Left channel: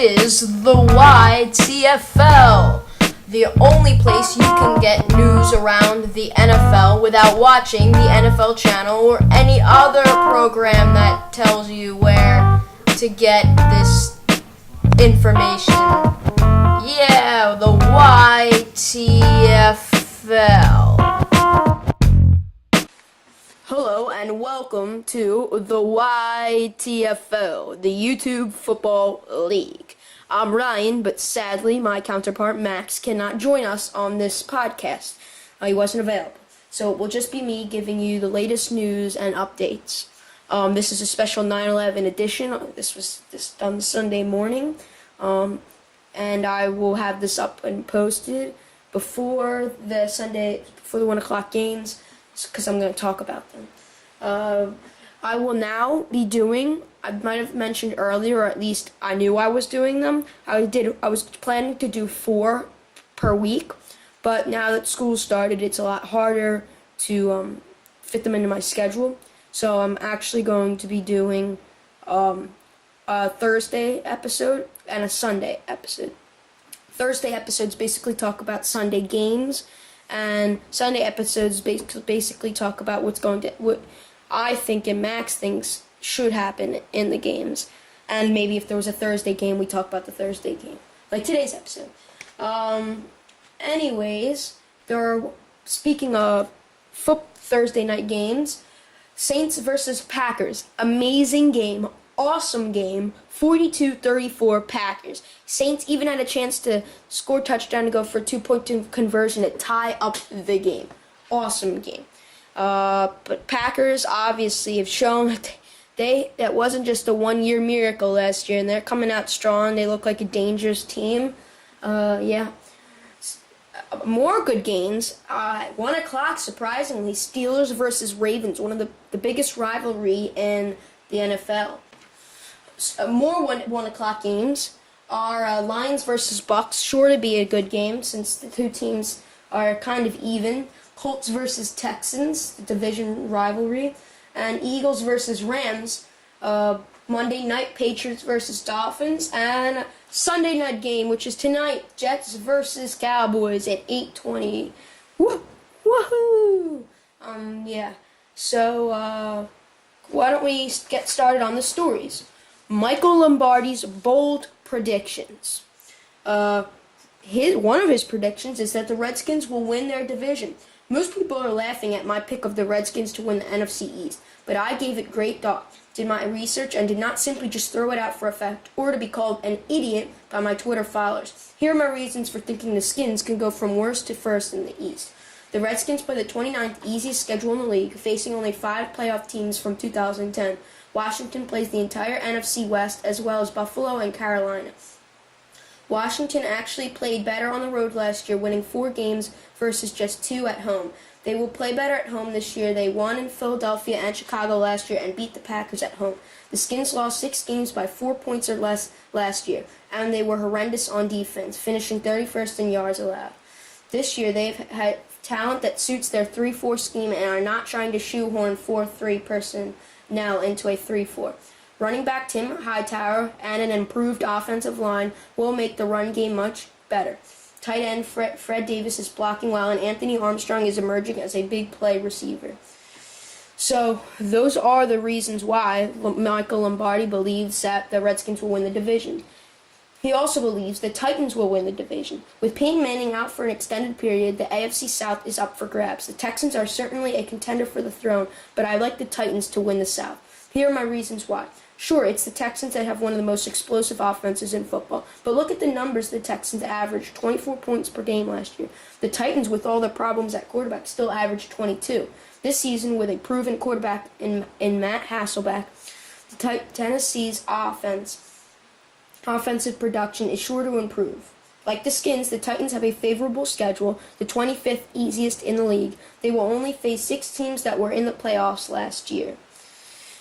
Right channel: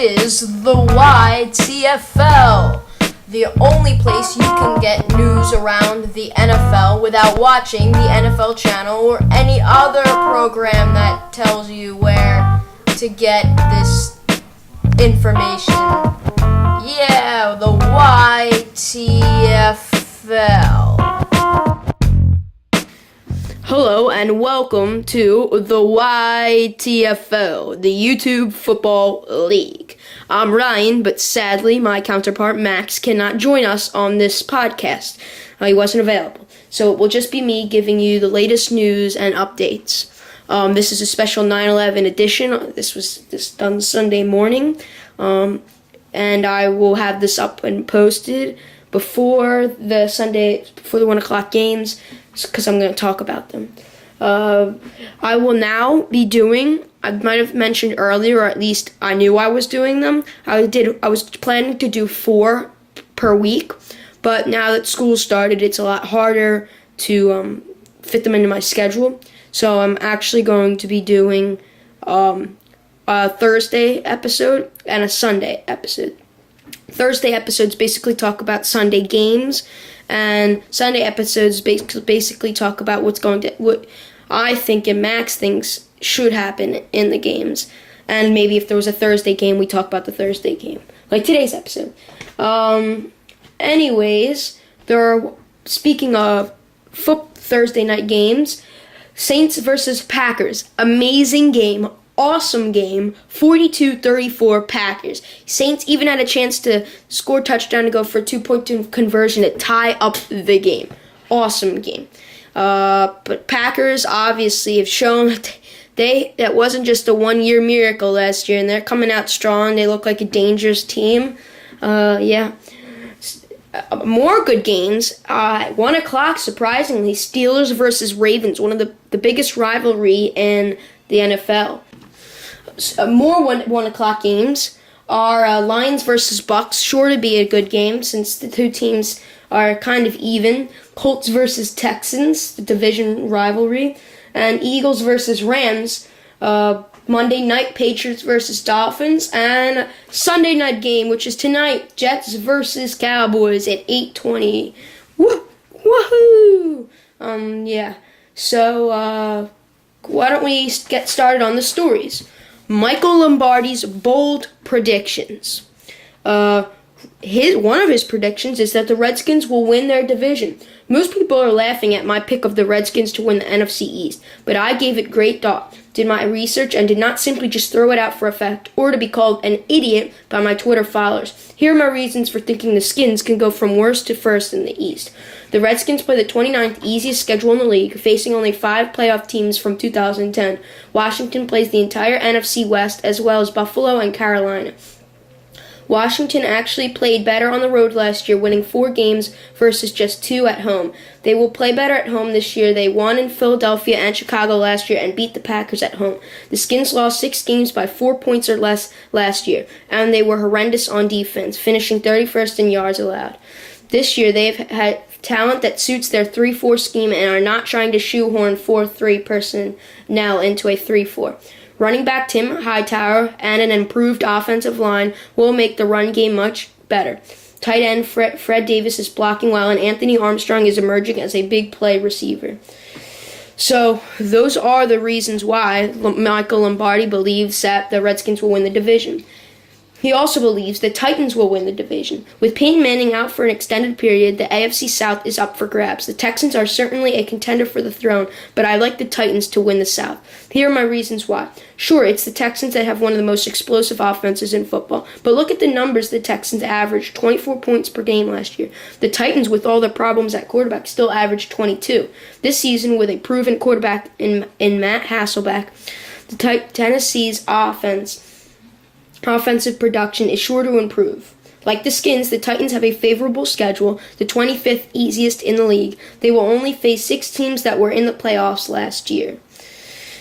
is the YTFL, the only place you can get news around the NFL without watching the NFL channel or any other program that tells you where to get this information. Yeah, the YTFL. Hello and welcome to the YTFL, the YouTube Football League. I'm Ryan, but sadly my counterpart Max cannot join us on this podcast. He wasn't available. So it will just be me giving you the latest news and updates. This is a special 9/11 edition. This was done Sunday morning. And I will have this up and posted before the 1 o'clock games, because I'm going to talk about them. I will now be doing, I might have mentioned earlier, or at least I knew I was doing them. I was planning to do 4 per week, but now that school started, it's a lot harder to fit them into my schedule. So I'm actually going to be doing a Thursday episode and a Sunday episode. Thursday episodes basically talk about Sunday games, and Sunday episodes basically talk about what I think and Max thinks should happen in the games. And maybe if there was a Thursday game, we talk about the Thursday game, like today's episode. Anyways, speaking of Thursday night games, Saints versus Packers. Amazing game. Awesome game. 42-34 Packers. Saints even had a chance to score a touchdown to go for a 2-point conversion to tie up the game. Awesome game. But Packers obviously have shown that wasn't just a one-year miracle last year, and they're coming out strong. They look like a dangerous team. More good games. At 1 o'clock, surprisingly, Steelers versus Ravens, one of the biggest rivalry in the NFL. More 1 o'clock games are Lions versus Bucks, sure to be a good game since the two teams are kind of even. Colts versus Texans, the division rivalry, and Eagles versus Rams. Monday night, Patriots versus Dolphins, and Sunday night game, which is tonight, Jets versus Cowboys at 8:20. Woohoo! So why don't we get started on the stories? Michael Lombardi's bold predictions. One of his predictions is that the Redskins will win their division. Most people are laughing at my pick of the Redskins to win the NFC East, but I gave it great thought, did my research, and did not simply just throw it out for effect or to be called an idiot by my Twitter followers. Here are my reasons for thinking the Skins can go from worst to first in the East. The Redskins play the 29th easiest schedule in the league, facing only 5 playoff teams from 2010. Washington plays the entire NFC West, as well as Buffalo and Carolina. Washington actually played better on the road last year, winning 4 games versus just 2 at home. They will play better at home this year. They won in Philadelphia and Chicago last year and beat the Packers at home. The Skins lost 6 games by 4 points or less last year, and they were horrendous on defense, finishing 31st in yards allowed. This year, they've had talent that suits their 3-4 scheme and are not trying to shoehorn 4-3 personnel into a 3-4. Running back Tim Hightower and an improved offensive line will make the run game much better. Tight end Fred Davis is blocking well, and Anthony Armstrong is emerging as a big play receiver. So those are the reasons why Michael Lombardi believes that the Redskins will win the division. He also believes the Titans will win the division. With Peyton Manning out for an extended period, the AFC South is up for grabs. The Texans are certainly a contender for the throne, but I like the Titans to win the South. Here are my reasons why. Sure, it's the Texans that have one of the most explosive offenses in football, but look at the numbers the Texans averaged, 24 points per game last year. The Titans, with all their problems at quarterback, still averaged 22. This season, with a proven quarterback in Matt Hasselbeck, Tennessee's offensive production is sure to improve. Like the Skins, the Titans have a favorable schedule, the 25th easiest in the league. They will only face 6 teams that were in the playoffs last year.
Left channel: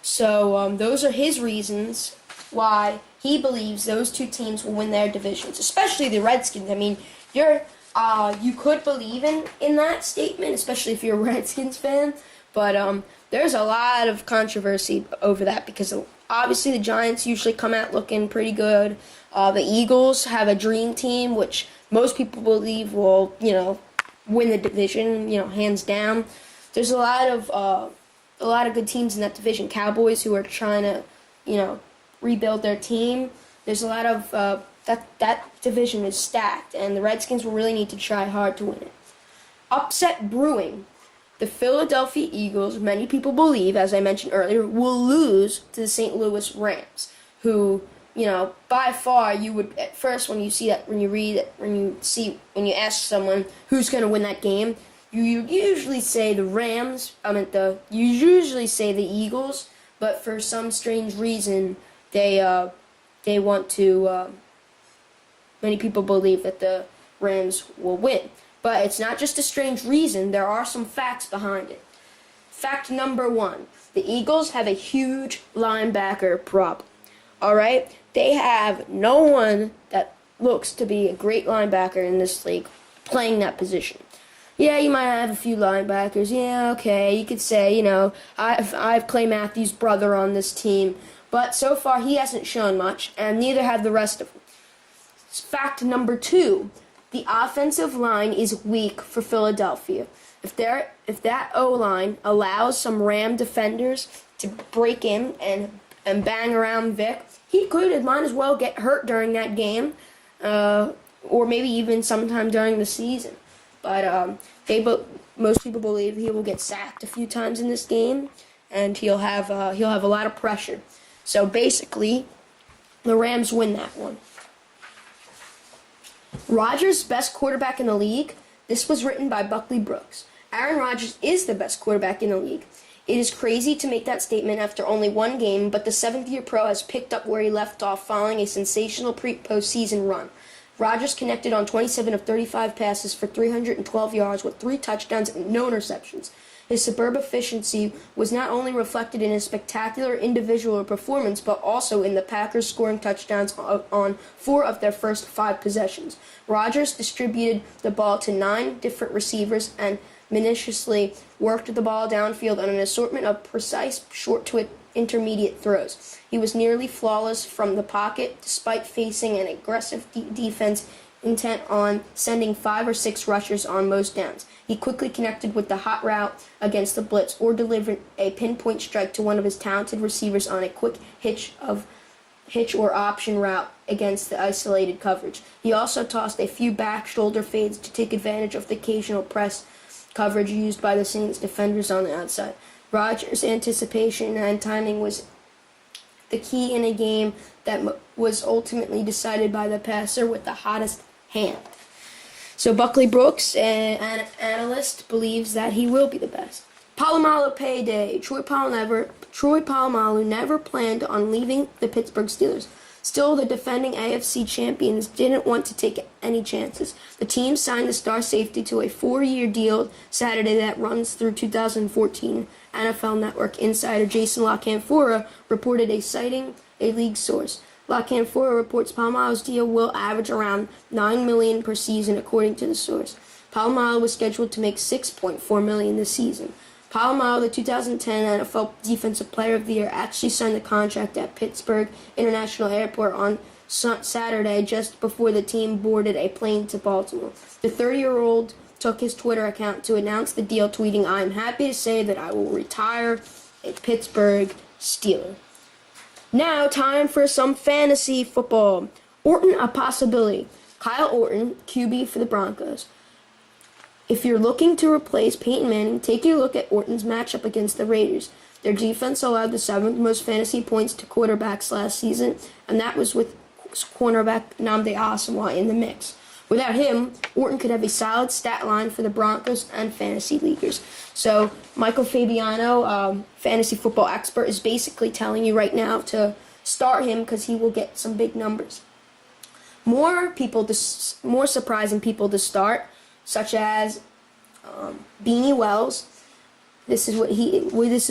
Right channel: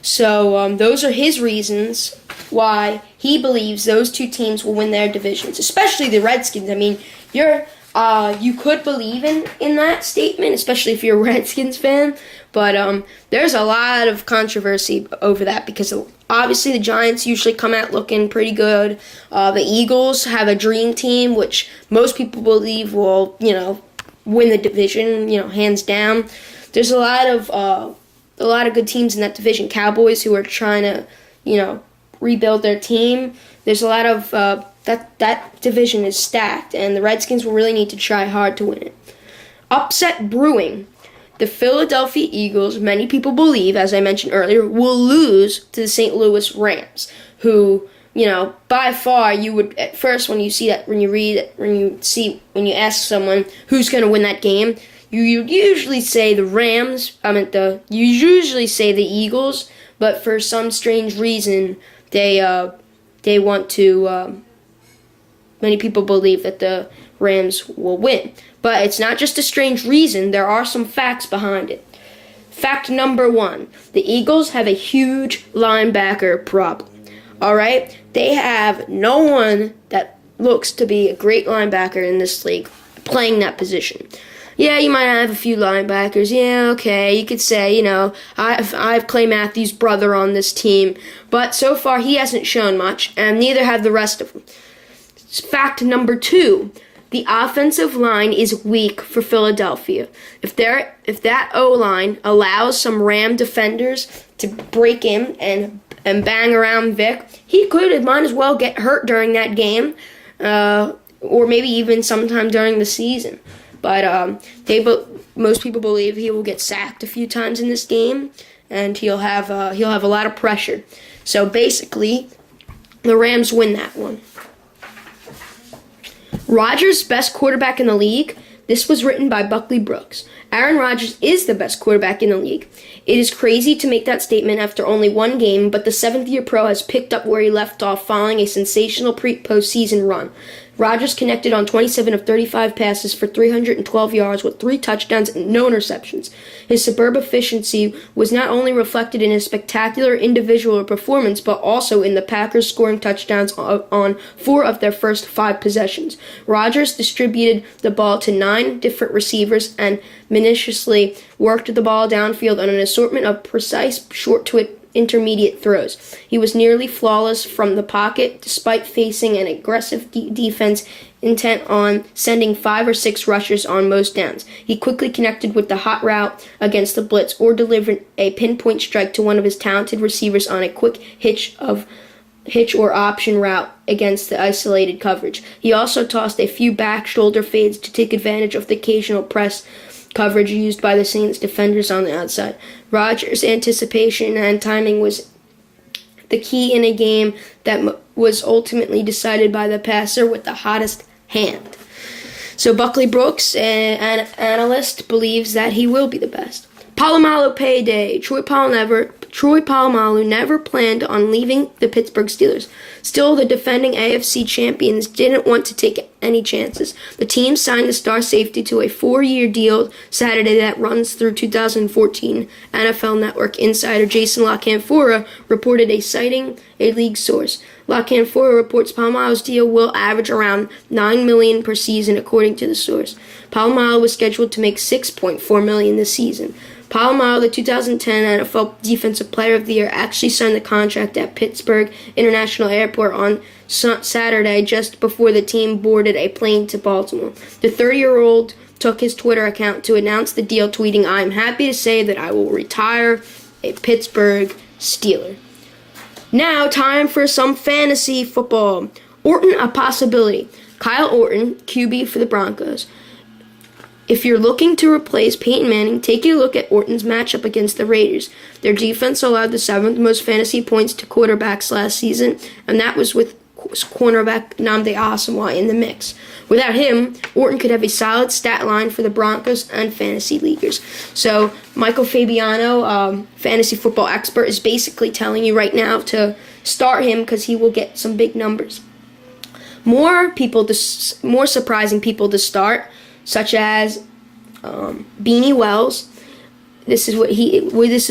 So those are his reasons why he believes those 2 teams will win their divisions, especially the Redskins. I mean, you could believe in that statement, especially if you're a Redskins fan, But there's a lot of controversy over that because obviously the Giants usually come out looking pretty good. The Eagles have a dream team, which most people believe will, win the division, hands down. There's a lot of good teams in that division. Cowboys, who are trying to, rebuild their team. There's a lot of that division is stacked, and the Redskins will really need to try hard to win it. Upset brewing. The Philadelphia Eagles, many people believe, as I mentioned earlier, will lose to the St. Louis Rams, who, by far, you would at first when you ask someone who's going to win that game, you usually say the Rams. You usually say the Eagles, but for some strange reason, they want to. Many people believe that the Rams will win. But it's not just a strange reason, there are some facts behind it. Fact number 1, the Eagles have a huge linebacker problem. Alright? They have no one that looks to be a great linebacker in this league playing that position. Yeah, you might have a few linebackers. Yeah, okay, you could say, I've Clay Matthews' brother on this team. But so far he hasn't shown much, and neither have the rest of them. Fact number 2. The offensive line is weak for Philadelphia. If that O-line allows some Ram defenders to break in and bang around Vic, he might as well get hurt during that game, or maybe even sometime during the season. But most people believe he will get sacked a few times in this game, and he'll have a lot of pressure. So basically, the Rams win that one. Rodgers, best quarterback in the league. This was written by Buckley Brooks. Aaron Rodgers is the best quarterback in the league. It is crazy to make that statement after only one game, but the seventh-year pro has picked up where he left off following a sensational postseason run. Rodgers connected on 27 of 35 passes for 312 yards with 3 touchdowns and no interceptions. His superb efficiency was not only reflected in his spectacular individual performance, but also in the Packers scoring touchdowns on 4 of their first 5 possessions. Rodgers distributed the ball to 9 different receivers and minutiously worked the ball downfield on an assortment of precise short to intermediate throws. He was nearly flawless from the pocket, despite facing an aggressive defense intent on sending 5 or 6 rushers on most downs. He quickly connected with the hot route against the blitz or delivered a pinpoint strike to one of his talented receivers on a quick hitch or option route against the isolated coverage. He also tossed a few back shoulder fades to take advantage of the occasional press coverage used by the Saints defenders on the outside. Rodgers' anticipation and timing was the key in a game that was ultimately decided by the passer with the hottest hand. So Buckley Brooks, an analyst, believes that he will be the best. Polamalu payday. Troy Polamalu never planned on leaving the Pittsburgh Steelers. Still, the defending AFC champions didn't want to take any chances. The team signed the star safety to a 4-year deal Saturday that runs through 2014. NFL Network insider Jason La Canfora reported citing a league source. La Canfora reports Polamalu's deal will average around $9 million per season, according to the source. Polamalu was scheduled to make $6.4 million this season. Polamalu, the 2010 NFL Defensive Player of the Year, actually signed the contract at Pittsburgh International Airport on Saturday just before the team boarded a plane to Baltimore. The 30-year-old took his Twitter account to announce the deal, tweeting, "I am happy to say that I will retire a Pittsburgh Steeler." Now, time for some fantasy football. Orton, a possibility. Kyle Orton, QB for the Broncos. If you're looking to replace Peyton Manning, take a look at Orton's matchup against the Raiders. Their defense allowed the 7th most fantasy points to quarterbacks last season, and that was with cornerback Nnamdi Asomugha in the mix. Without him, Orton could have a solid stat line for the Broncos and fantasy leaguers. So Michael Fabiano, fantasy football expert, is basically telling you right now to start him because he will get some big numbers. More surprising people to start, such as Beanie Wells. This is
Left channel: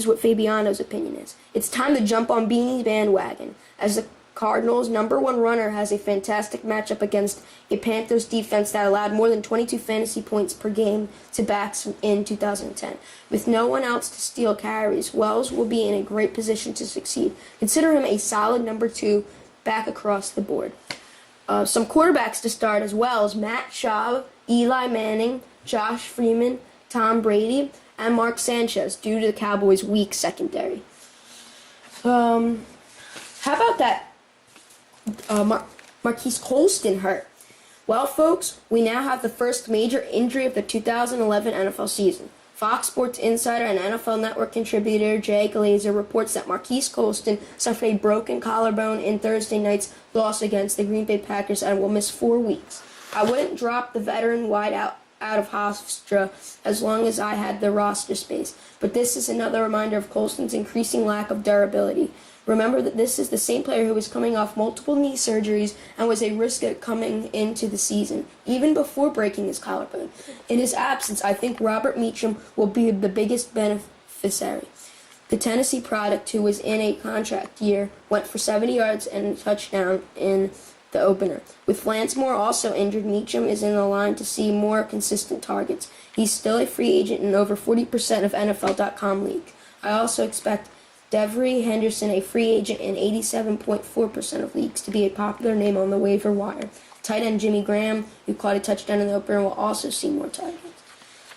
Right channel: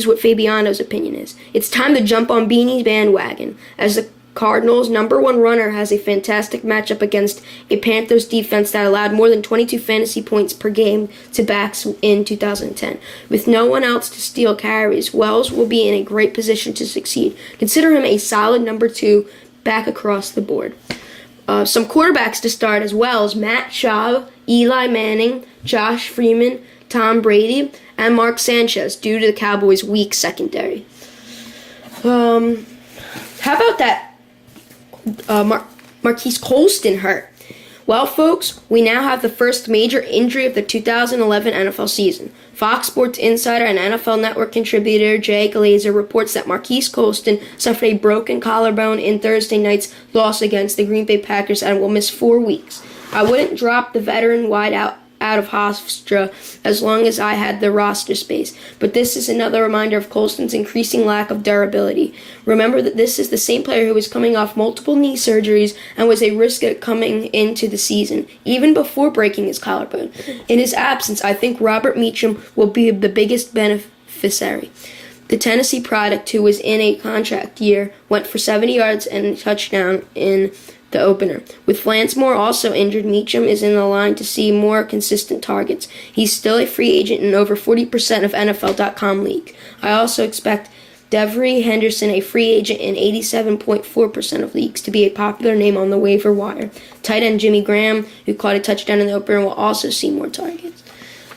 what Fabiano's opinion is. It's time to jump on Beanie's bandwagon. As the Cardinals' number one runner has a fantastic matchup against a Panthers defense that allowed more than 22 fantasy points per game to backs in 2010. With no one else to steal carries, Wells will be in a great position to succeed. Consider him a solid number 2 back across the board. Some quarterbacks to start as well as Matt Schaub, Eli Manning, Josh Freeman, Tom Brady, and Mark Sanchez due to the Cowboys' weak secondary. How about that Marquise Colston hurt? Well, folks, we now have the first major injury of the 2011 NFL season. Fox Sports insider and NFL Network contributor Jay Glazer reports that Marquise Colston suffered a broken collarbone in Thursday night's loss against the Green Bay Packers and will miss 4 weeks. I wouldn't drop the veteran wideout out of Hofstra as long as I had the roster space, but this is another reminder of Colston's increasing lack of durability. Remember that this is the same player who was coming off multiple knee surgeries and was a risk at coming into the season, even before breaking his collarbone. In his absence, I think Robert Meacham will be the biggest beneficiary. The Tennessee product, who was in a contract year, went for 70 yards and a touchdown in the opener. With Lansmore also injured, Meacham is in the line to see more consistent targets. He's still a free agent in over 40% of NFL.com league. I also expect Devery Henderson, a free agent in 87.4% of leagues, to be a popular name on the waiver wire. Tight end Jimmy Graham, who caught a touchdown in the opener, will also see more targets.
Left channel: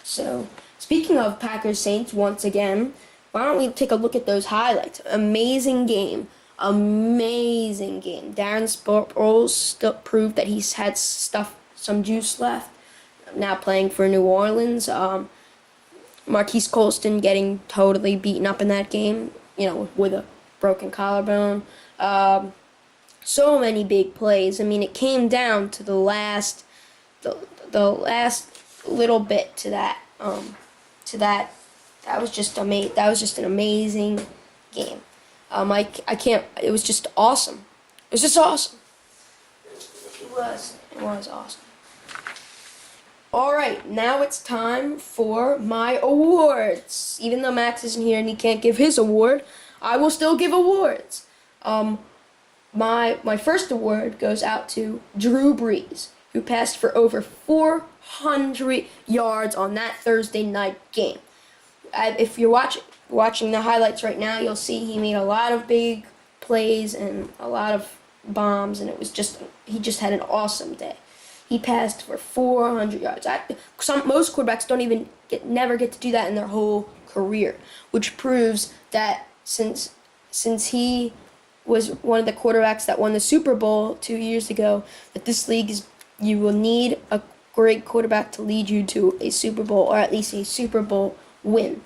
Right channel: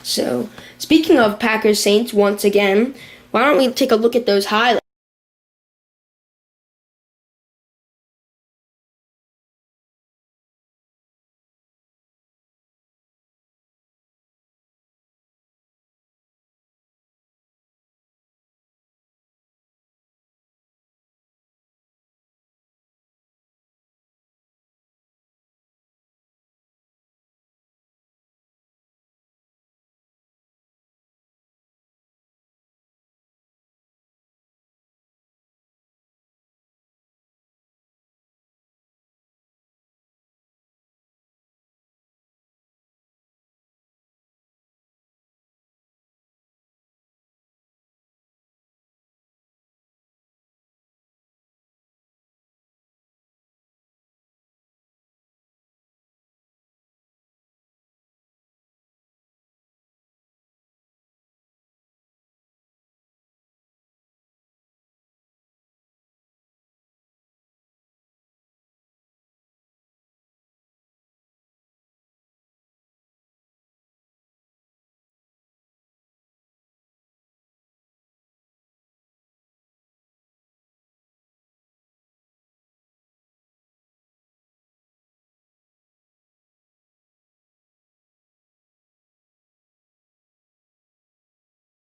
So, speaking of Packers Saints once again, why don't we take a look at those highlights? Amazing game. Amazing game. Darren Sproles still proved that he's had some juice left. Now playing for New Orleans. Marquise Colston getting totally beaten up in that game, with a broken collarbone. So many big plays. I mean, it came down to the last little bit to that. That was just amazing. That was just an amazing game. I can't. It was just awesome. It was just awesome. It was awesome. All right, now it's time for my awards. Even though Max isn't here and he can't give his award, I will still give awards. My first award goes out to Drew Brees, who passed for over 400 yards on that Thursday night game. If you're watching the highlights right now, you'll see he made a lot of big plays and a lot of bombs, and he just had an awesome day. He passed for 400 yards. Most quarterbacks never get to do that in their whole career, which proves that since he was one of the quarterbacks that won the Super Bowl 2 years ago, that this league you will need a great quarterback to lead you to a Super Bowl, or at least a Super Bowl win.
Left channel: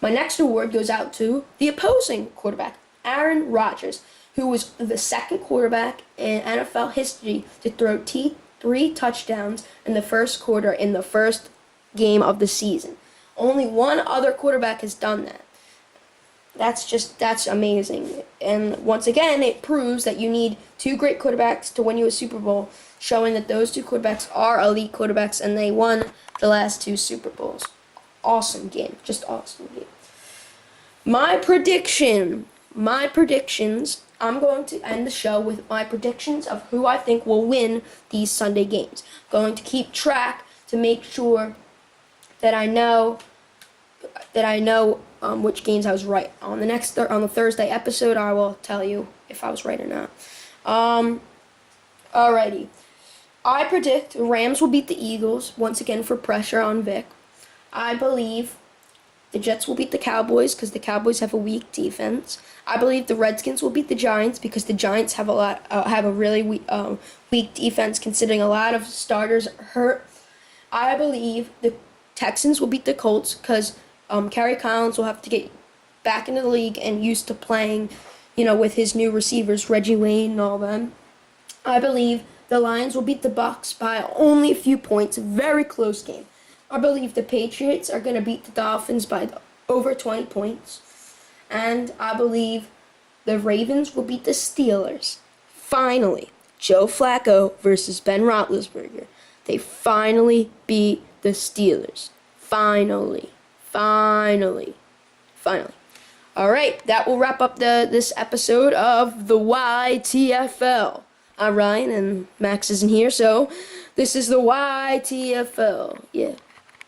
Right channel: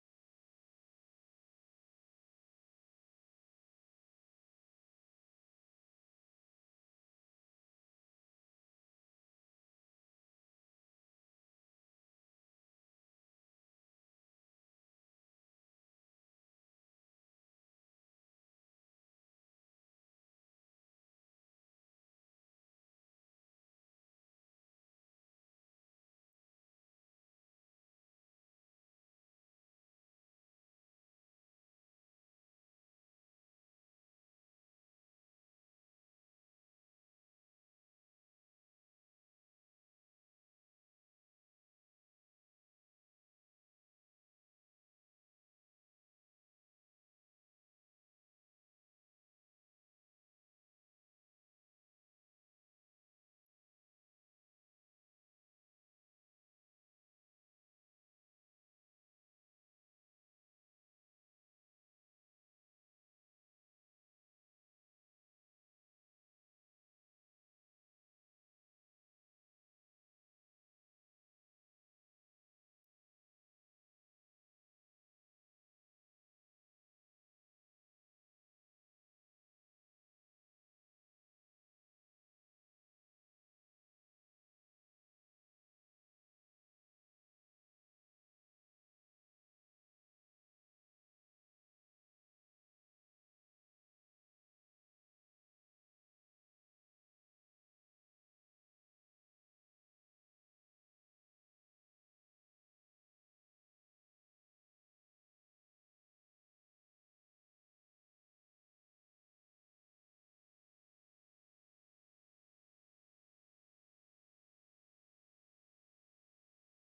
My next award goes out to the opposing quarterback, Aaron Rodgers, who was the second quarterback in NFL history to throw 3 touchdowns in the first quarter in the first game of the season. Only one other quarterback has done that. That's amazing. And once again, it proves that you need 2 great quarterbacks to win you a Super Bowl, showing that those 2 quarterbacks are elite quarterbacks and they won the last 2 Super Bowls. Awesome game. Just awesome game. My predictions. I'm going to end the show with my predictions of who I think will win these Sunday games. Going to keep track to make sure that I know which games I was right. On the Thursday episode, I will tell you if I was right or not. Alrighty. I predict the Rams will beat the Eagles once again for pressure on Vic. I believe the Jets will beat the Cowboys because the Cowboys have a weak defense. I believe the Redskins will beat the Giants because the Giants have a really weak defense, considering a lot of starters are hurt. I believe the Texans will beat the Colts because Kerry Collins will have to get back into the league and used to playing, with his new receivers, Reggie Wayne and all them. I believe the Lions will beat the Bucs by only a few points, a very close game. I believe the Patriots are going to beat the Dolphins by over 20 points. And I believe the Ravens will beat the Steelers. Finally, Joe Flacco versus Ben Roethlisberger. They finally beat the Steelers. Finally. All right, that will wrap up this episode of the YTFL. I'm Ryan, and Max isn't here, so this is the YTFL. Yeah.